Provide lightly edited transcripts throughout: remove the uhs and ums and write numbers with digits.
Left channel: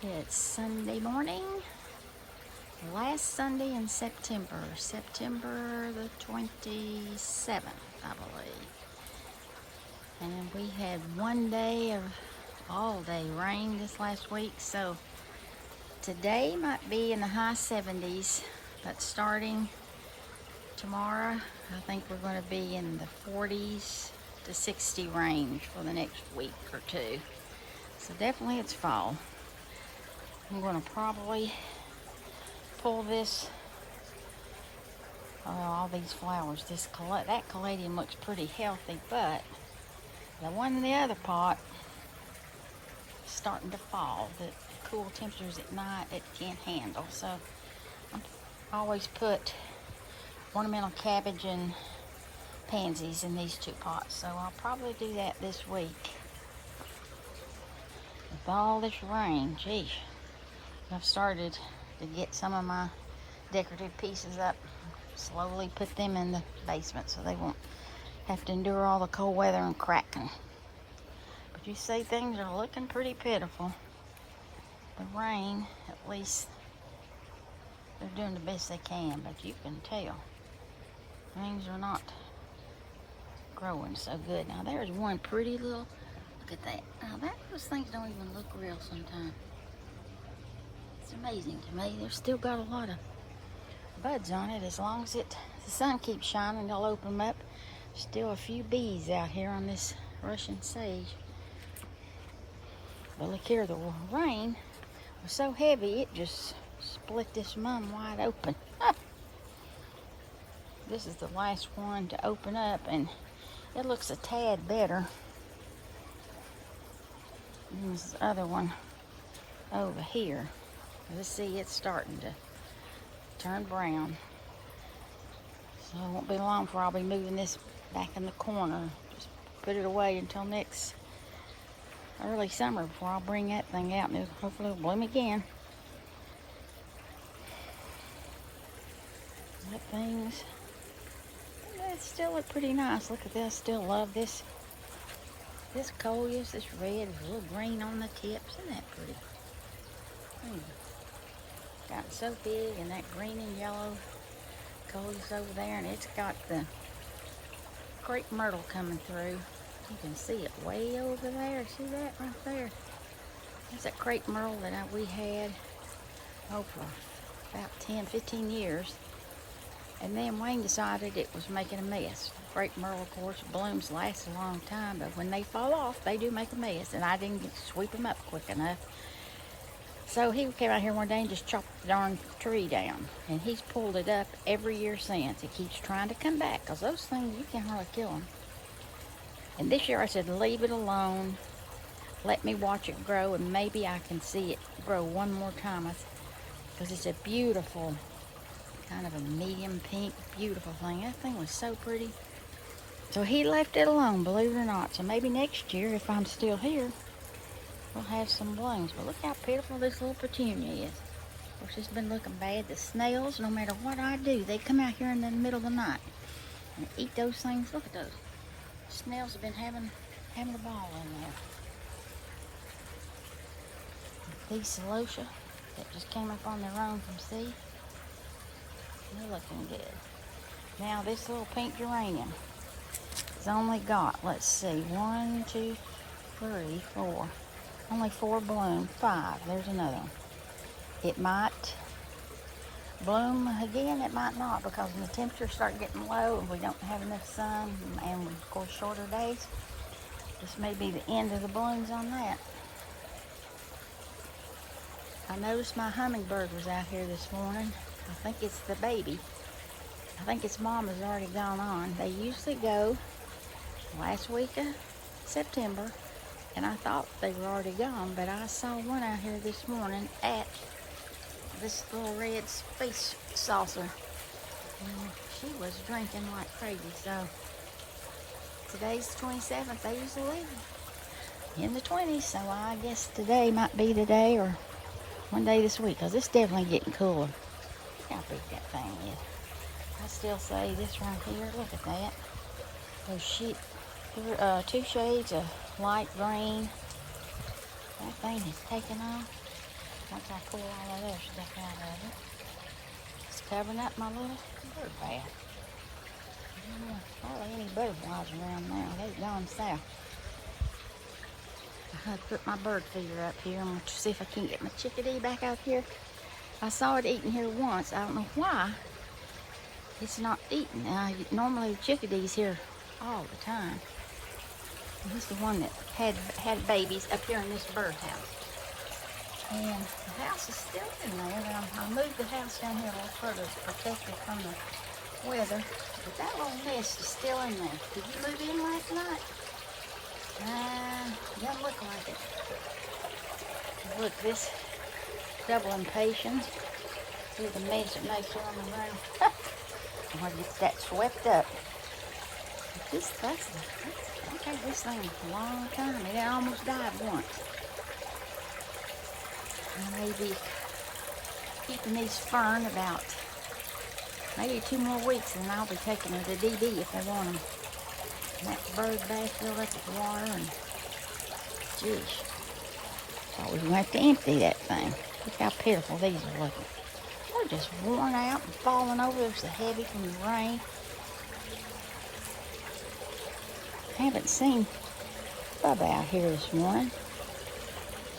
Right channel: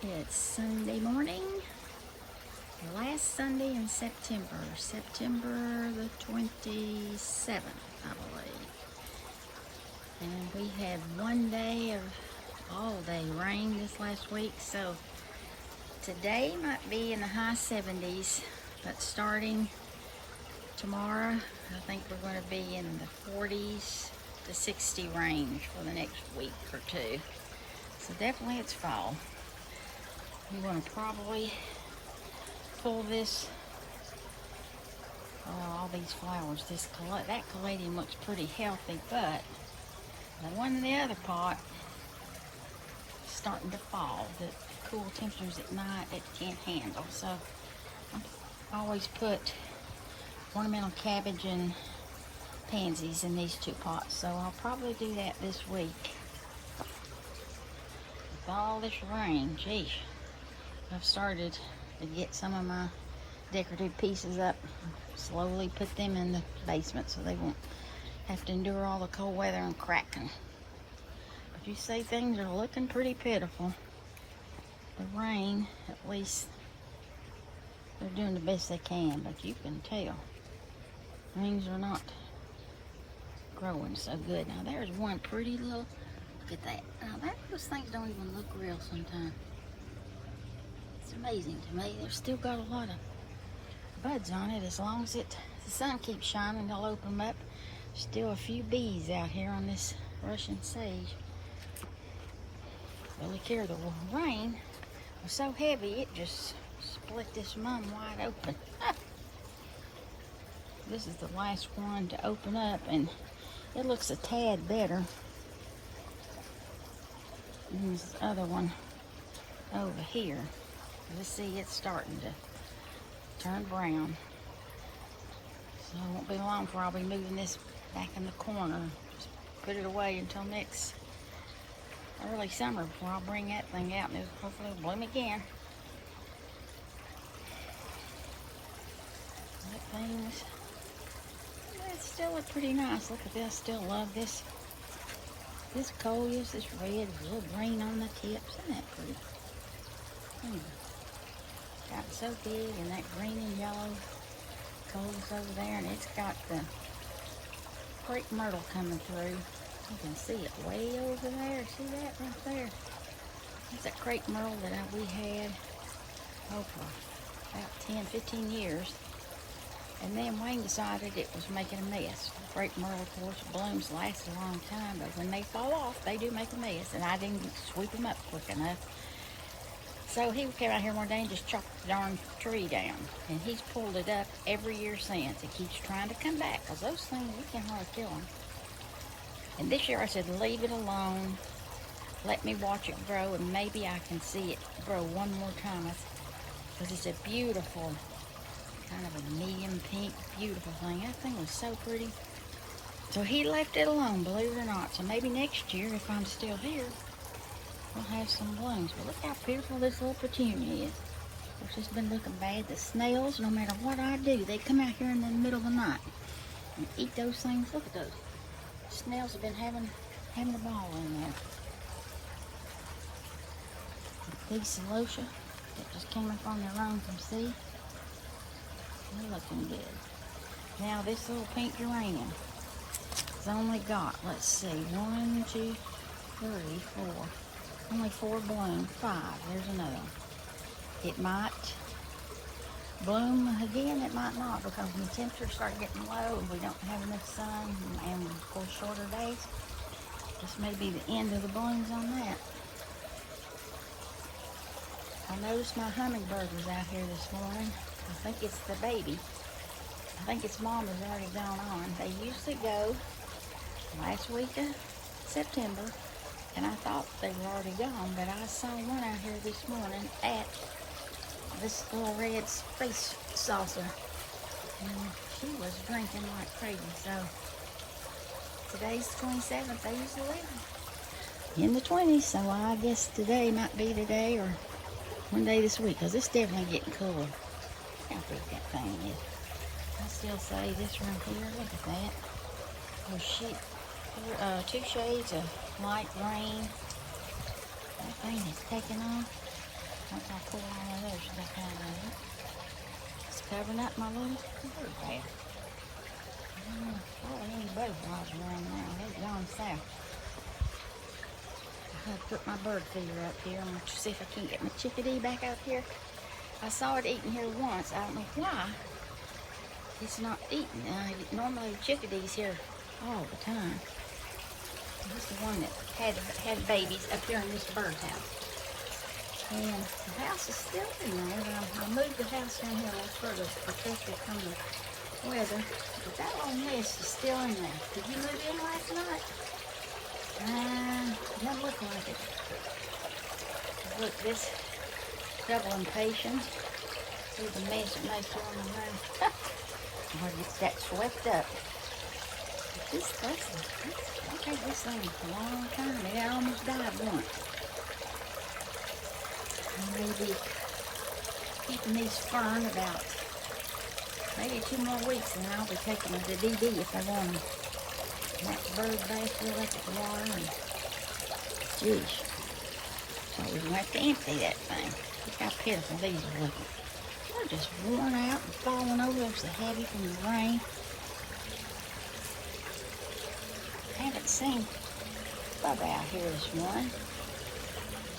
It's Sunday morning, last Sunday in September, September the 27th, I believe. And we had one day of all-day rain this last week, so today might be in the high 70s, but starting tomorrow, I think we're going to be in the 40s to 60 range for the next week or two. So definitely it's fall. I'm going to probably pull this, all these flowers, that caladium looks pretty healthy, but the one in the other pot is starting to fall. The cool temperatures at night it can't handle, so I always put ornamental cabbage and pansies in these two pots, so I'll probably do that this week. With all this rain, geez. I've started to get some of my decorative pieces up, slowly put them in the basement so they won't have to endure all the cold weather and cracking. But you see, things are looking pretty pitiful. The rain, at least, they're doing the best they can, but you can tell things are not growing so good. Now there's one pretty little, look at that. Now those things don't even look real sometimes. It's amazing to me. They've still got a lot of buds on it. As long as the sun keeps shining, they'll open them up. Still a few bees out here on this Russian sage. But look here, the rain was so heavy it just split this mum wide open. This is the last one to open up, and it looks a tad better than this other one over here. Let's see, it's starting to turn brown. So it won't be long before I'll be moving this back in the corner. Just put it away until next early summer before I'll bring that thing out, and hopefully it'll bloom again. That things, it still look pretty nice. Look at this, still love this. This coleus, this red, with a little green on the tips. Isn't that pretty? Gotten so big, and that green and yellow coleus over there, and it's got the crepe myrtle coming through. You can see it way over there. See that right there? That's that crepe myrtle that we had for about 10-15 years. And then Wayne decided it was making a mess. Crepe myrtle, of course, blooms last a long time, but when they fall off, they do make a mess, and I didn't get to sweep them up quick enough. So he came out here one day and just chopped the darn tree down, and he's pulled it up every year since. He keeps trying to come back, because those things, you can hardly kill them. And this year I said, leave it alone, let me watch it grow, and maybe I can see it grow one more time, because it's a beautiful, kind of a medium pink, beautiful thing. That thing was so pretty. So he left it alone, believe it or not. So maybe next year, if I'm still here, we'll have some blooms. But look how pitiful this little petunia is. Of course, it's been looking bad. The snails, no matter what I do, they come out here in the middle of the night and eat those things. Look at those. Snails have been having a ball in there. These celosia that just came up on their own from seed, they're looking good. Now this little pink geranium has only got, let's see, 1, 2, 3, 4. Only 4 bloom, 5. There's another one. It might bloom again, it might not, because when the temperatures start getting low and we don't have enough sun, and of course shorter days, this may be the end of the blooms on that. I noticed my hummingbird was out here this morning. I think it's the baby. I think its mom has already gone on. They usually go last week of September, and I thought they were already gone, but I saw one out here this morning at this little red space saucer. And she was drinking like crazy, so today's 27th, they usually live in the 20s, so I guess today might be the day, or one day this week, because it's definitely getting cooler. Look how big that thing is. I still say this right here, look at that. Those sheep, 2 shades of light green. That thing has taken off. once I pull all of their stuff out of it. It's covering up my little bird bath. Hardly any bird balls around now. They've gone south. I have to put my bird feeder up here. I'm going to see if I can get my chickadee back out here. I saw it eating here once. I don't know why it's not eating. Normally the chickadee's here all the time. This is the one that had babies up here in this birdhouse. And the house is still in there, but I moved the house down here a little further to protect it from the weather. But that little nest is still in there. Did you move in last night? Don't look like it. Look, this trouble and patience. See the mess it makes here on the room. I'll get that swept up. I've had this thing for a long time. It almost died once. I may be keeping these fern about maybe 2 more weeks, and I'll be taking them to DD if I want them. That bird bath fill up with water, and geez, I was going to have to empty that thing. Look how pitiful these are looking. They're just worn out and falling over. They're so heavy from the rain. I haven't seen Bubba out here this morning.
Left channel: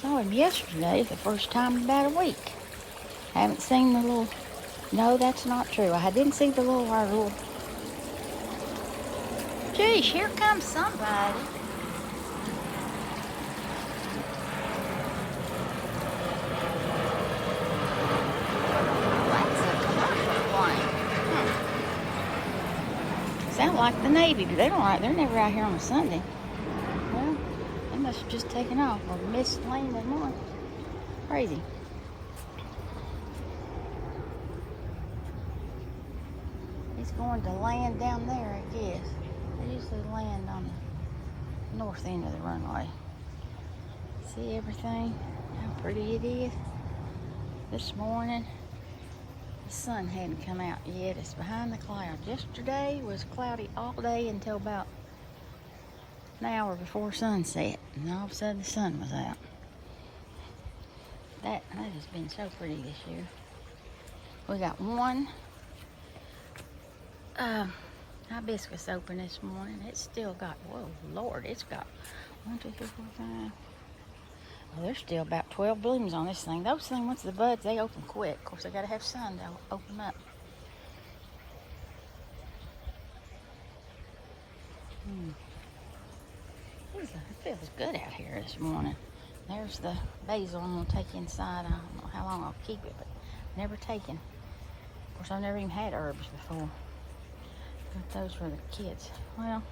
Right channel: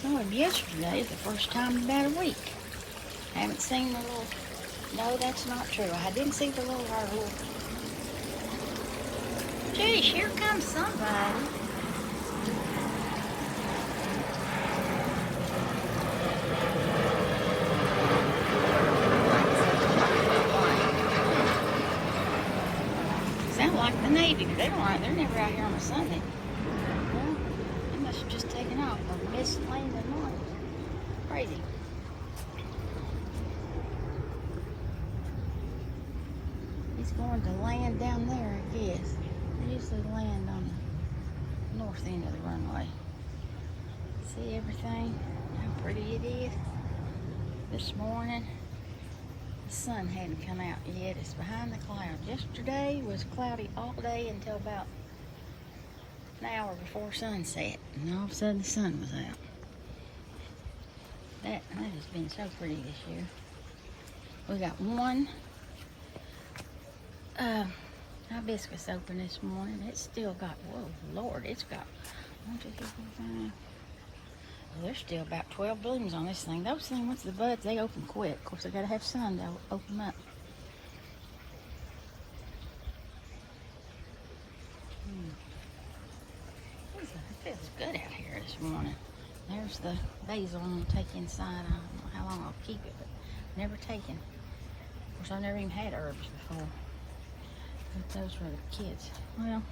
Saw him yesterday, the first time in about a week. I haven't seen the little, no, that's not true. I didn't see the little, geez, here comes somebody. Sound like the Navy. They're never out here on a Sunday. Well, they must have just taken off. They missed landing one. Crazy. He's going to land down there, I guess. They usually land on the north end of the runway. See everything? How pretty it is. This morning, the sun hadn't come out yet. It's behind the clouds. Yesterday was cloudy all day until about an hour before sunset, and all of a sudden the sun was out. That has been so pretty this year. We got one hibiscus open this morning. It's still got, whoa, Lord, it's got 1, 2, 3, 4, 5. Well, there's still about 12 blooms on this thing. Those things, once the buds, they open quick. Of course, they gotta have sun to open up. It feels good out here this morning. There's the basil I'm gonna take inside. I don't know how long I'll keep it, but never taken. Of course, I've never even had herbs before. But those were the kids. Well,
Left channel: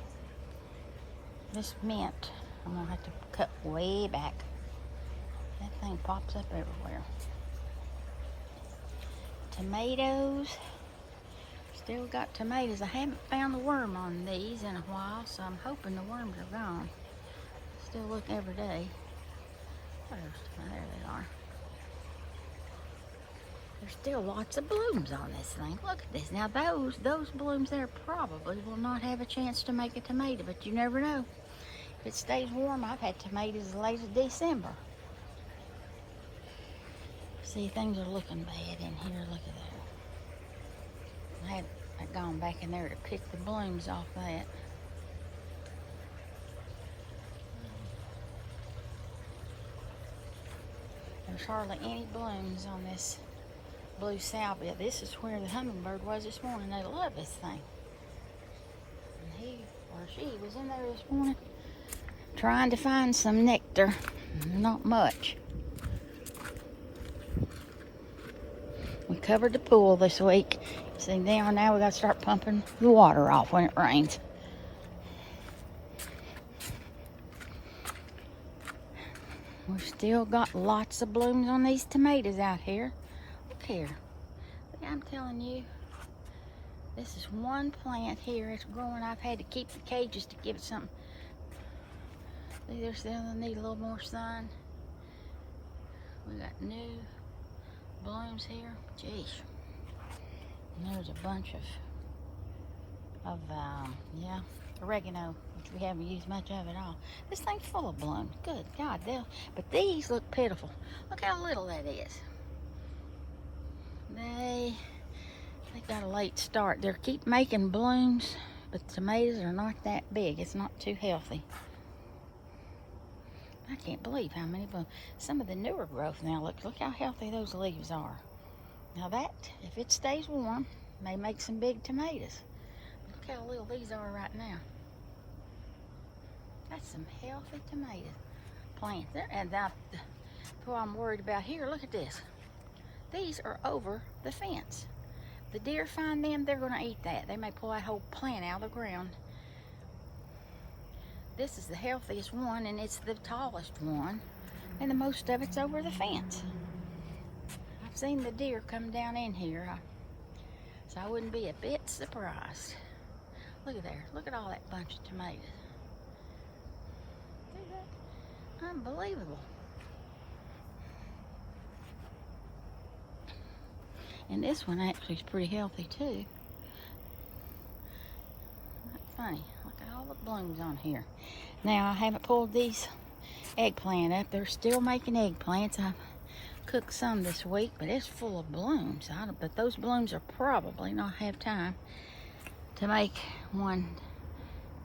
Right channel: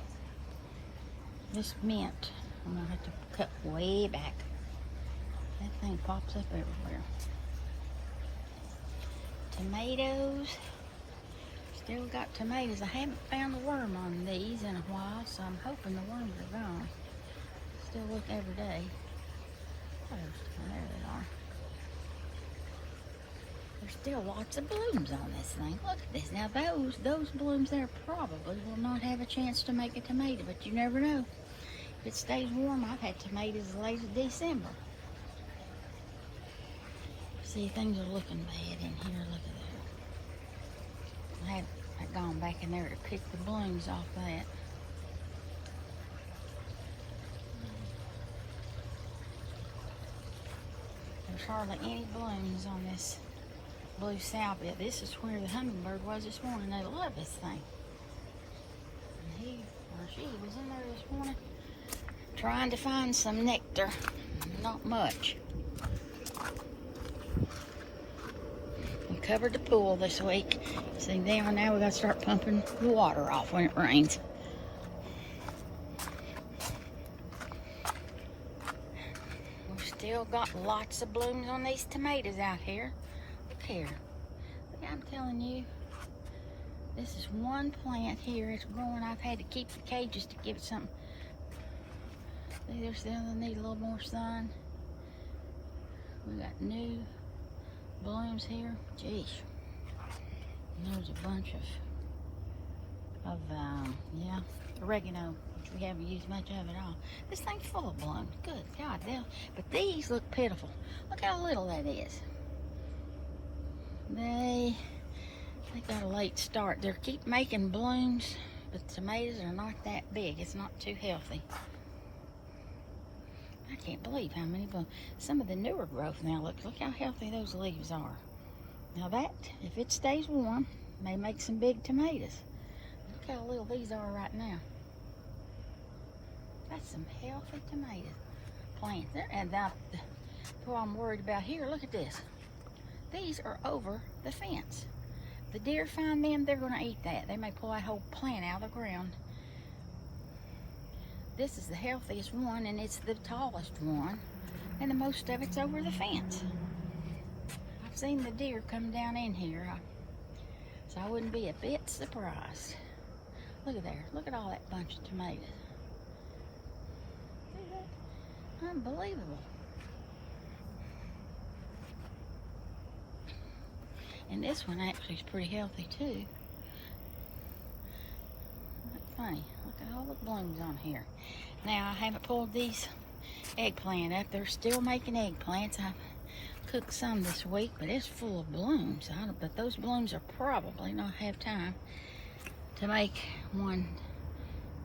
this mint, I'm gonna have to cut way back. That thing pops up everywhere. Tomatoes. Still got tomatoes. I haven't found a worm on these in a while, so I'm hoping the worms are gone. Still look every day. Oh, there they are. There's still lots of blooms on this thing. Look at this. Now those blooms there probably will not have a chance to make a tomato, but you never know. If it stays warm, I've had tomatoes as late as December. See, things are looking bad in here. Look at that. I had gone back in there to pick the blooms off that. There's hardly any blooms on this blue salvia. This is where the hummingbird was this morning. They love this thing. And he or she was in there this morning trying to find some nectar. Not much. We covered the pool this week. See, now we gotta start pumping the water off when it rains. We've still got lots of blooms on these tomatoes out here. Look here. Look, I'm telling you, this is one plant here. It's growing. I've had to keep the cages to give it something. See, they're still need a little more sun. We got new blooms here. Jeez. And there's a bunch of yeah, oregano We haven't used much of it all. This thing's full of blooms. Good God, but these look pitiful. Look how little that is. They got a late start. They keep making blooms, but tomatoes are not that big. It's not too healthy. I can't believe how many blooms. Some of the newer growth now, look how healthy those leaves are. Now that, if it stays warm, may make some big tomatoes. Look how little these are right now. That's some healthy tomato plants. And now, what I'm worried about here, look at this. These are over the fence. The deer find them, they're going to eat that. They may pull that whole plant out of the ground. This is the healthiest one, and it's the tallest one, and the most of it's over the fence. I've seen the deer come down in here, so I wouldn't be a bit surprised. Look at there. Look at all that bunch of tomatoes. See that? Unbelievable. And this one actually is pretty healthy too. Not funny. Look at all the blooms on here. Now I haven't pulled these eggplant up. They're still making eggplants. I've cooked some this week, but it's full of blooms. But those blooms are probably not have time to make one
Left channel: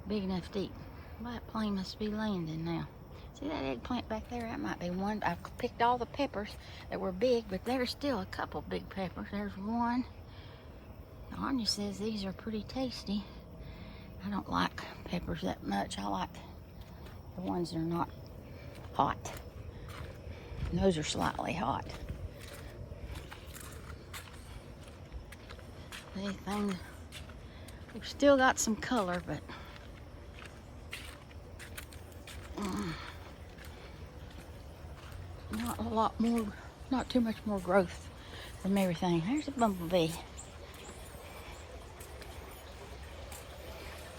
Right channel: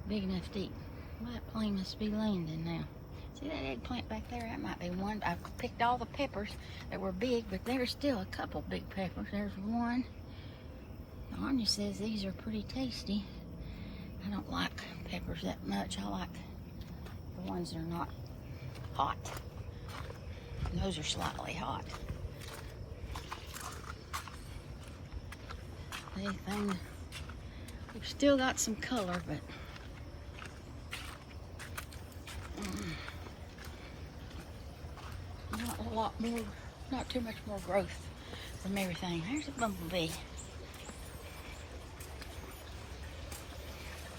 big enough to eat. Well, that plane must be landing now. See that eggplant back there? That might be one. I've picked all the peppers that were big, but there's still a couple big peppers. There's one. Anya says these are pretty tasty. I don't like peppers that much. I like the ones that are not hot. And those are slightly hot. These things, we've still got some color, but not a lot more, not too much more growth from everything. There's a bumblebee.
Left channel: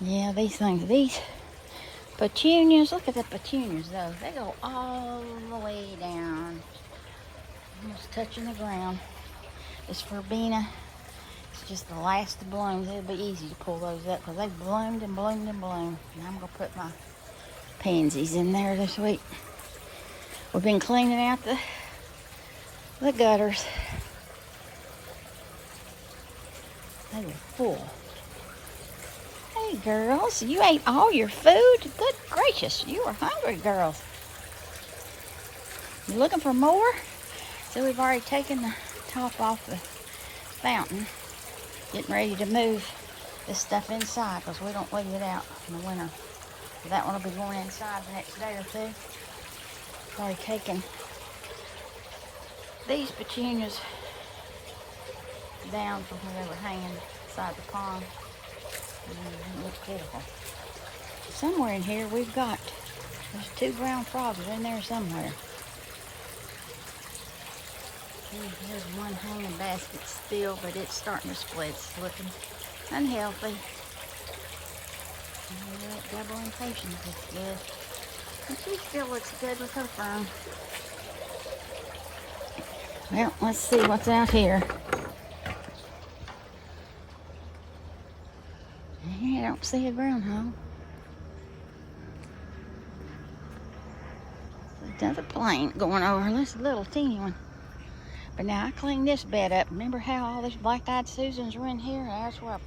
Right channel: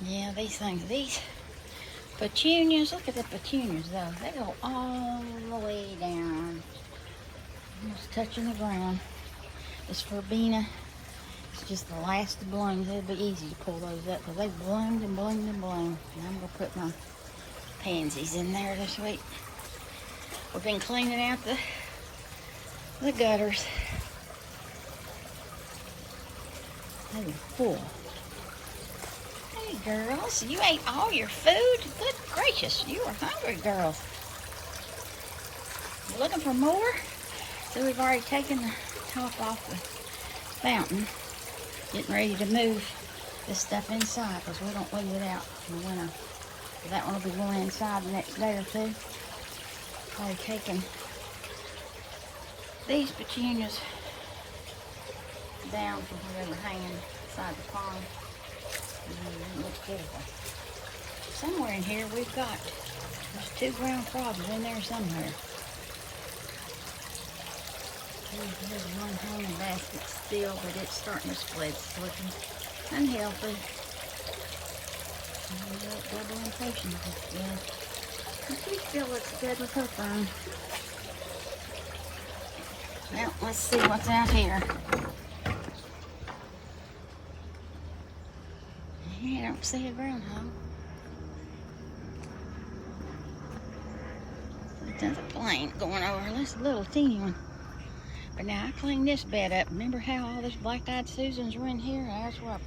Yeah, these things, these petunias, look at the petunias though. They go all the way down, almost touching the ground. This verbena, it's just the last of blooms. It'll be easy to pull those up because they bloomed and bloomed and bloomed. And I'm going to put my pansies in there this week. We've been cleaning out the gutters. They were full. Hey girls, you ate all your food? Good gracious, you were hungry, girls. You looking for more? So we've already taken the top off the fountain. Getting ready to move this stuff inside because we don't leave it out in the winter. That one will be going inside the next day or two. Already taken these petunias down from where they were hanging beside the pond. It looks beautiful. Somewhere in here we've got, there's 2 ground frogs in there somewhere. There's one hanging basket still, but it's starting to split. It's looking unhealthy. Double impatient is good. And she still looks good with her fern. Well, let's see what's out here. I don't see a groundhog. Another plane going over. This little teeny one. But now I cleaned this bed up. Remember how all these black-eyed Susans were in here? That's where I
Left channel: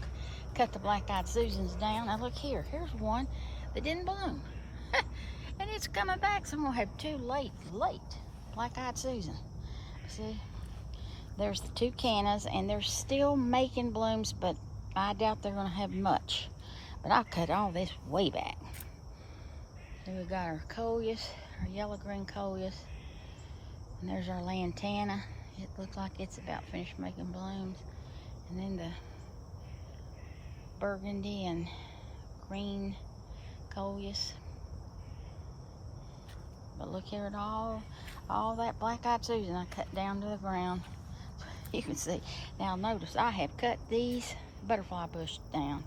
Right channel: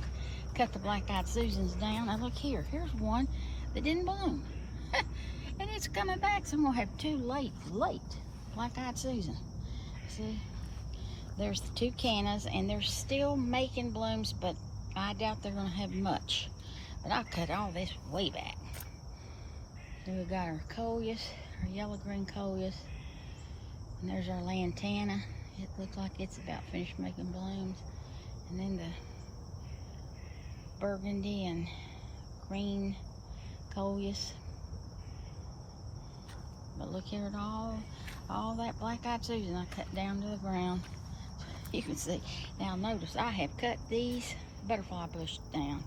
cut the black-eyed Susans down. Now look here. Here's one that didn't bloom. And it's coming back. So I'm going to have 2 late black-eyed Susan. See? There's the 2 cannas, and they're still making blooms, but I doubt they're going to have much. But I cut all this way back. Then we got our coleus, our yellow-green coleus. And there's our lantana. It looks like it's about finished making blooms. And then the burgundy and green coleus. But look here at all that black-eyed Susan I cut down to the ground. You can see. Now notice I have cut these butterfly bushes down.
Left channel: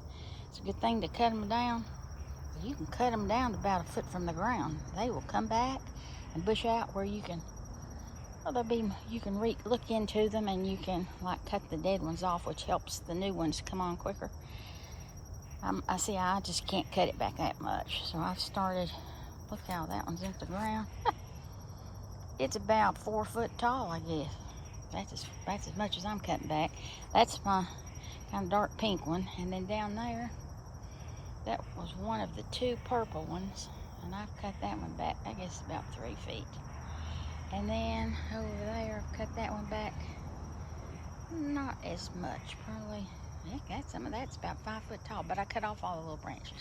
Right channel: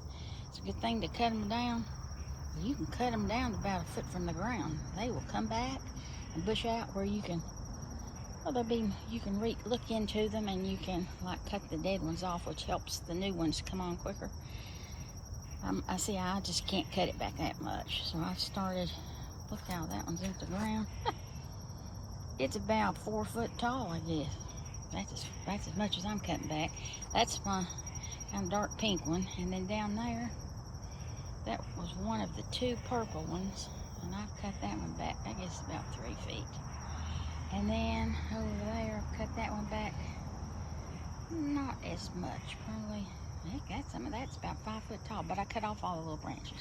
It's a good thing to cut them down. You can cut them down to about a foot from the ground. They will come back and bush out where you can, well, they'll be, you can look into them and you can like cut the dead ones off, which helps the new ones come on quicker. I see I just can't cut it back that much. So I started, look how that one's into the ground. It's about 4 foot tall, I guess. That's as much as I'm cutting back. That's my kind of dark pink one. And then down there, that was one of the 2 purple ones. And I've cut that one back, I guess about 3 feet. And then over there, I've cut that one back not as much, probably. I got some of that's about 5 foot tall, but I cut off all the little branches.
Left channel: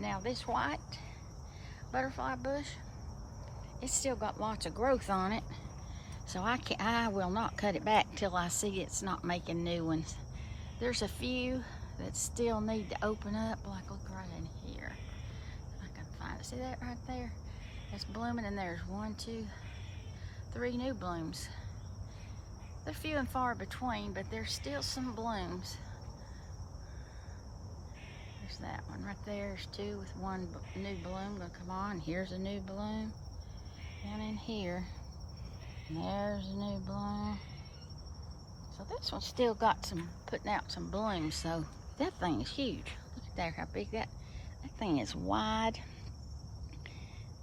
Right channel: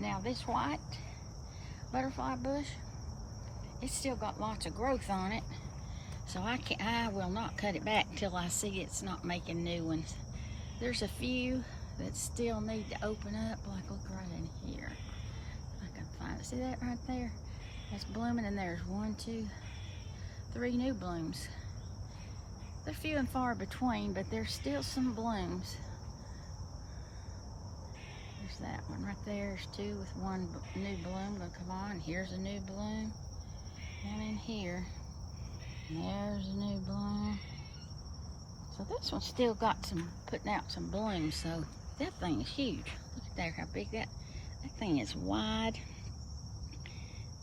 Now this white butterfly bush, it's still got lots of growth on it, so I will not cut it back till I see it's not making new ones. There's a few that still need to open up, like look right in here. If I can find it. See that right there? That's blooming, and there's 1, 2, 3 new blooms. They're few and far between, but there's still some blooms. There's that one right there. There's 2 with 1 new bloom gonna come on. Here's a new bloom. Down in here. And there's a new bloom. So this one's still got some, putting out some blooms. So that thing is huge. Look at there, how big that thing is wide.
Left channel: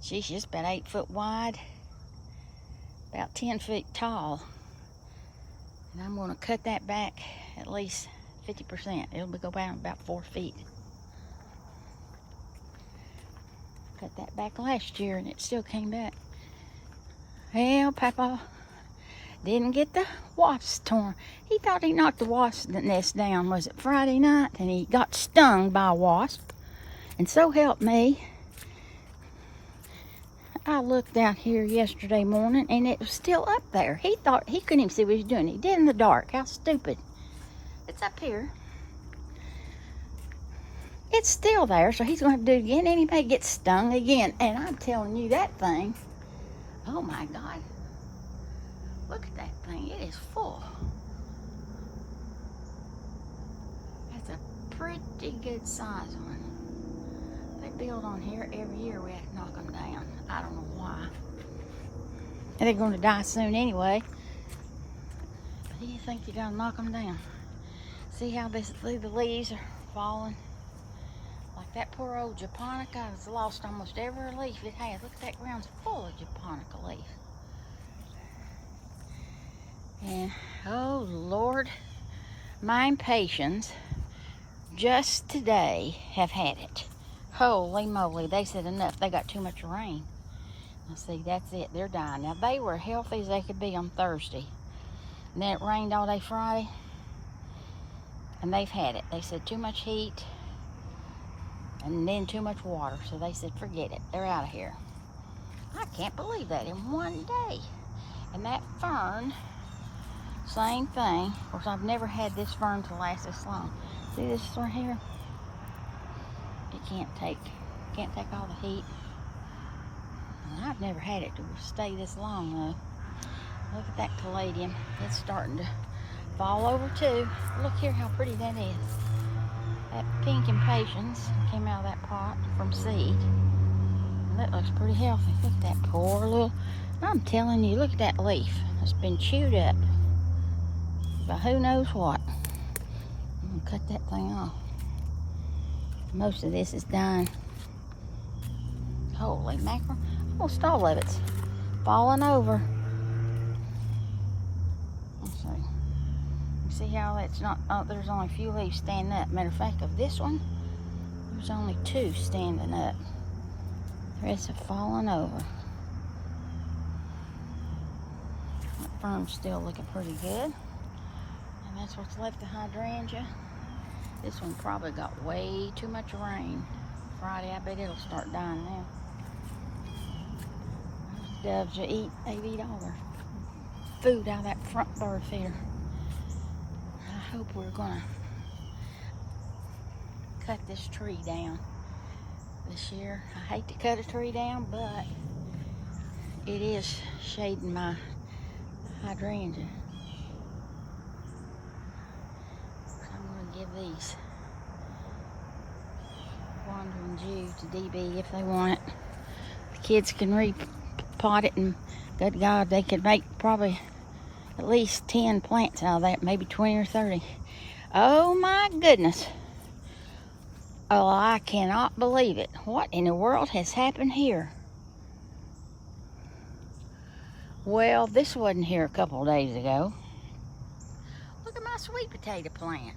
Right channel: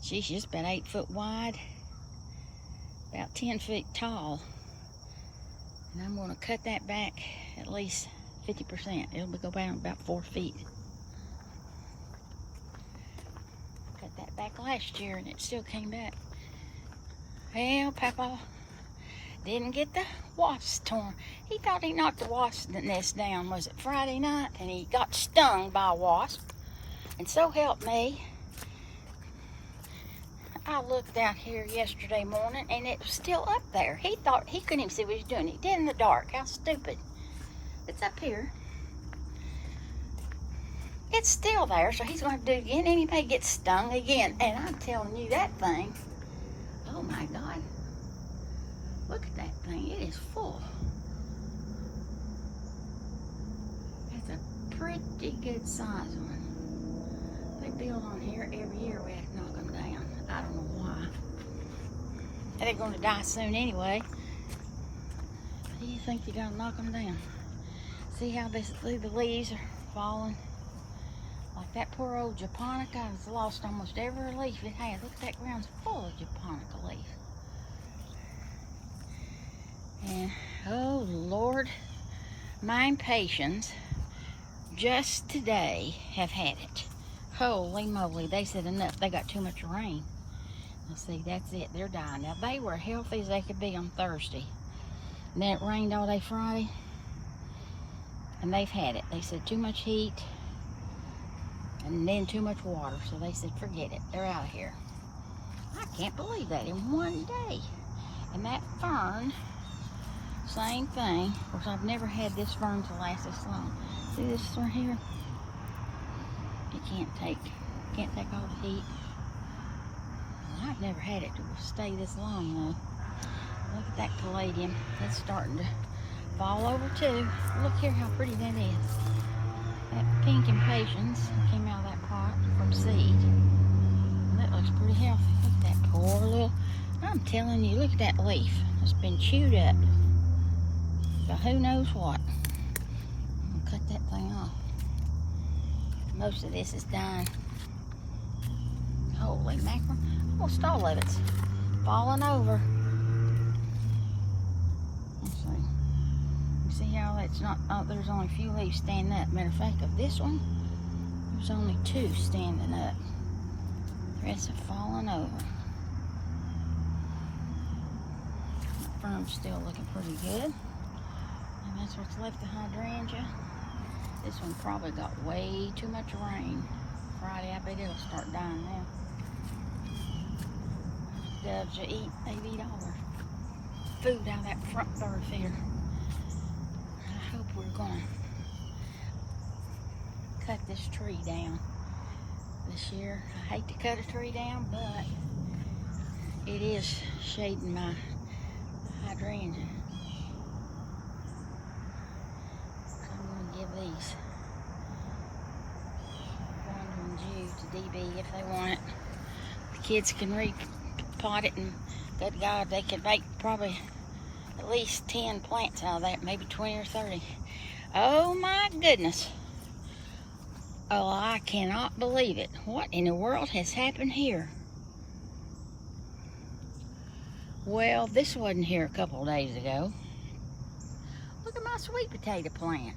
She's just about 8 foot wide. About 10 feet tall. And I'm going to cut that back at least 50%. It'll go down about 4 feet. Cut that back last year and it still came back. Well, Papa didn't get the wasps torn. He thought he knocked the wasp nest down, was it Friday night? And he got stung by a wasp. And so help me, I looked out here yesterday morning and it was still up there. He thought he couldn't even see what he was doing. He did in the dark. How stupid. It's up here. It's still there, so he's going to have to do it again, and he may get stung again. And I'm telling you, that thing, oh my God. Look at that thing. It is full. That's a pretty good size one. They build on here every year. We have to knock them down. I don't know why. And they're going to die soon anyway. Do you think you're going to knock them down? See how the leaves are falling? Like that poor old japonica has lost almost every leaf it has. Look at that ground's full of japonica leaves. And oh Lord, my impatiens just today have had it. Holy moly, they said enough. They got too much rain. Now see, that's it. They're dying. Now they were healthy as they could be on Thursday. And then it rained all day Friday. And they've had it. They said too much heat. And then too much water. So they said forget it. They're out of here. I can't believe that in one day. And that fern, same thing. Of course, I've never had this fern to last this long. See this right here? It can't take all the heat. And I've never had it to stay this long though. Look at that caladium. It's starting to fall over too. Look here how pretty that is. That pink impatiens came out of that pot from seed. That looks pretty healthy. Look at that poor little, I'm telling you, look at that leaf. It's been chewed up. So who knows what. I'm gonna cut that thing off. Most of this is done. Holy mackerel. Almost all of it's falling over. Let's see. You see how it's not, oh, there's only a few leaves standing up. Matter of fact, of this one, there's only 2 standing up. It's falling over. That fern's still looking pretty good. And that's what's left of hydrangea. This one probably got way too much rain. Friday, I bet it'll start dying now. Doves will eat, they eat all their food out of that front bird feeder. I hope we're gonna cut this tree down this year. I hate to cut a tree down, but it is shading my hydrangea. I'm gonna give these Wandering Jews to DB if they want it. The kids can repot it, and good God, they could make probably at least 10 plants out of that, maybe 20 or 30. Oh my goodness. Oh, I cannot believe it. What in the world has happened here? Well, this wasn't here a couple of days ago. Look at my sweet potato plant.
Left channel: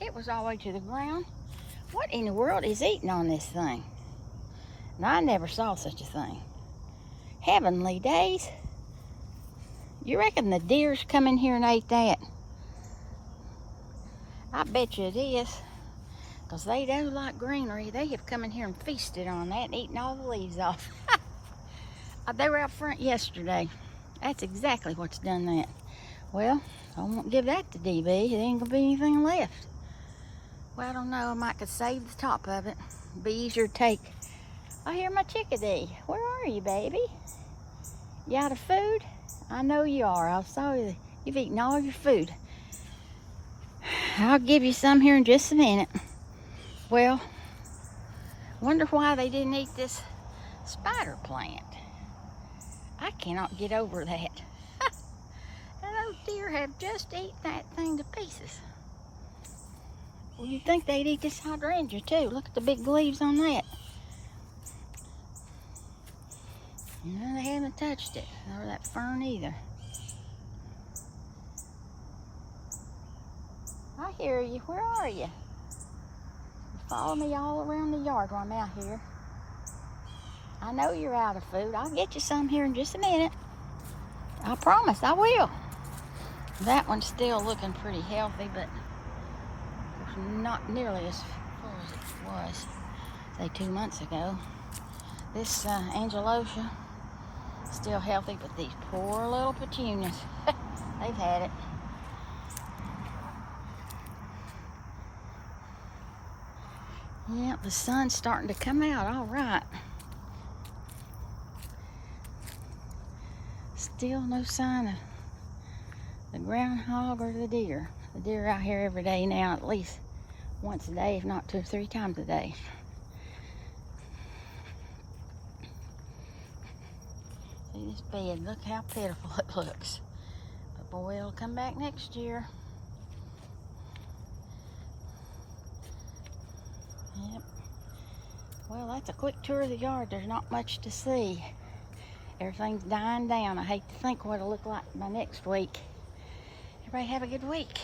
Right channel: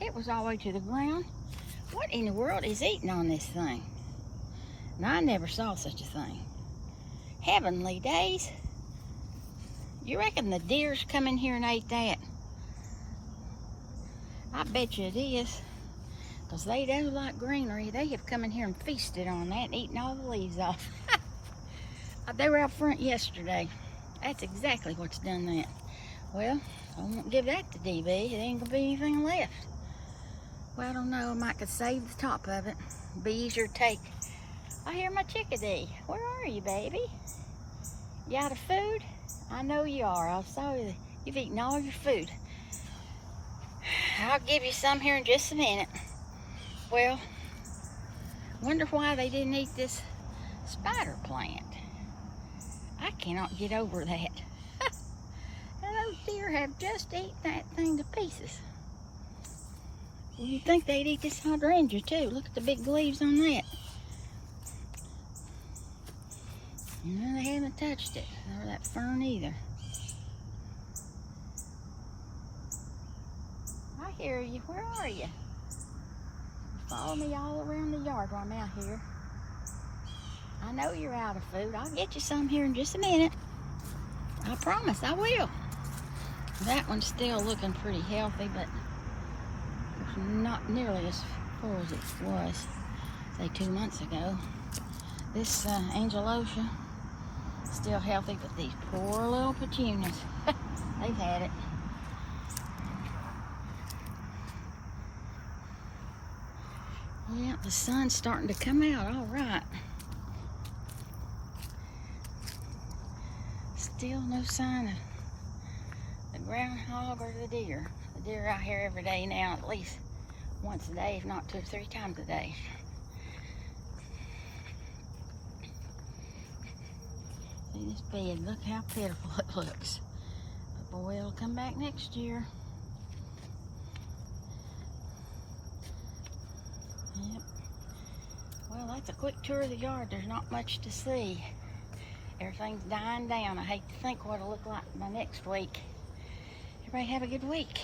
It was all the way to the ground. What in the world is eating on this thing? Now, I never saw such a thing. Heavenly days. You reckon the deer's come in here and ate that? I bet you it is. Because they don't like greenery. They have come in here and feasted on that and eaten all the leaves off. They were out front yesterday. That's exactly what's done that. Well, I won't give that to DB. There ain't gonna be anything left. Well, I don't know. I might could save the top of it. Be easier to take. I hear my chickadee. Where are you, baby? You out of food? I know you are. I saw you. You've eaten all your food. I'll give you some here in just a minute. Well, wonder why they didn't eat this spider plant. I cannot get over that. And those deer have just eaten that thing to pieces. Well, you'd think they'd eat this hydrangea too. Look at the big leaves on that. No, they haven't touched it, or that fern either. I hear you. Where are you? Follow me all around the yard while I'm out here. I know you're out of food. I'll get you some here in just a minute. I promise I will. That one's still looking pretty healthy, but it's not nearly as full as it was, say, 2 months ago. This Angelosia, still healthy, but these poor little petunias, they've had it. Yeah, the sun's starting to come out, all right. Still no sign of the groundhog or the deer. The deer are out here every day now, at least once a day, if not 2 or 3 times a day. See this bed, look how pitiful it looks. But boy, it'll come back next year. Yep. Well, that's a quick tour of the yard. There's not much to see. Everything's dying down. I hate to think what it'll look like by next week. Everybody have a good week.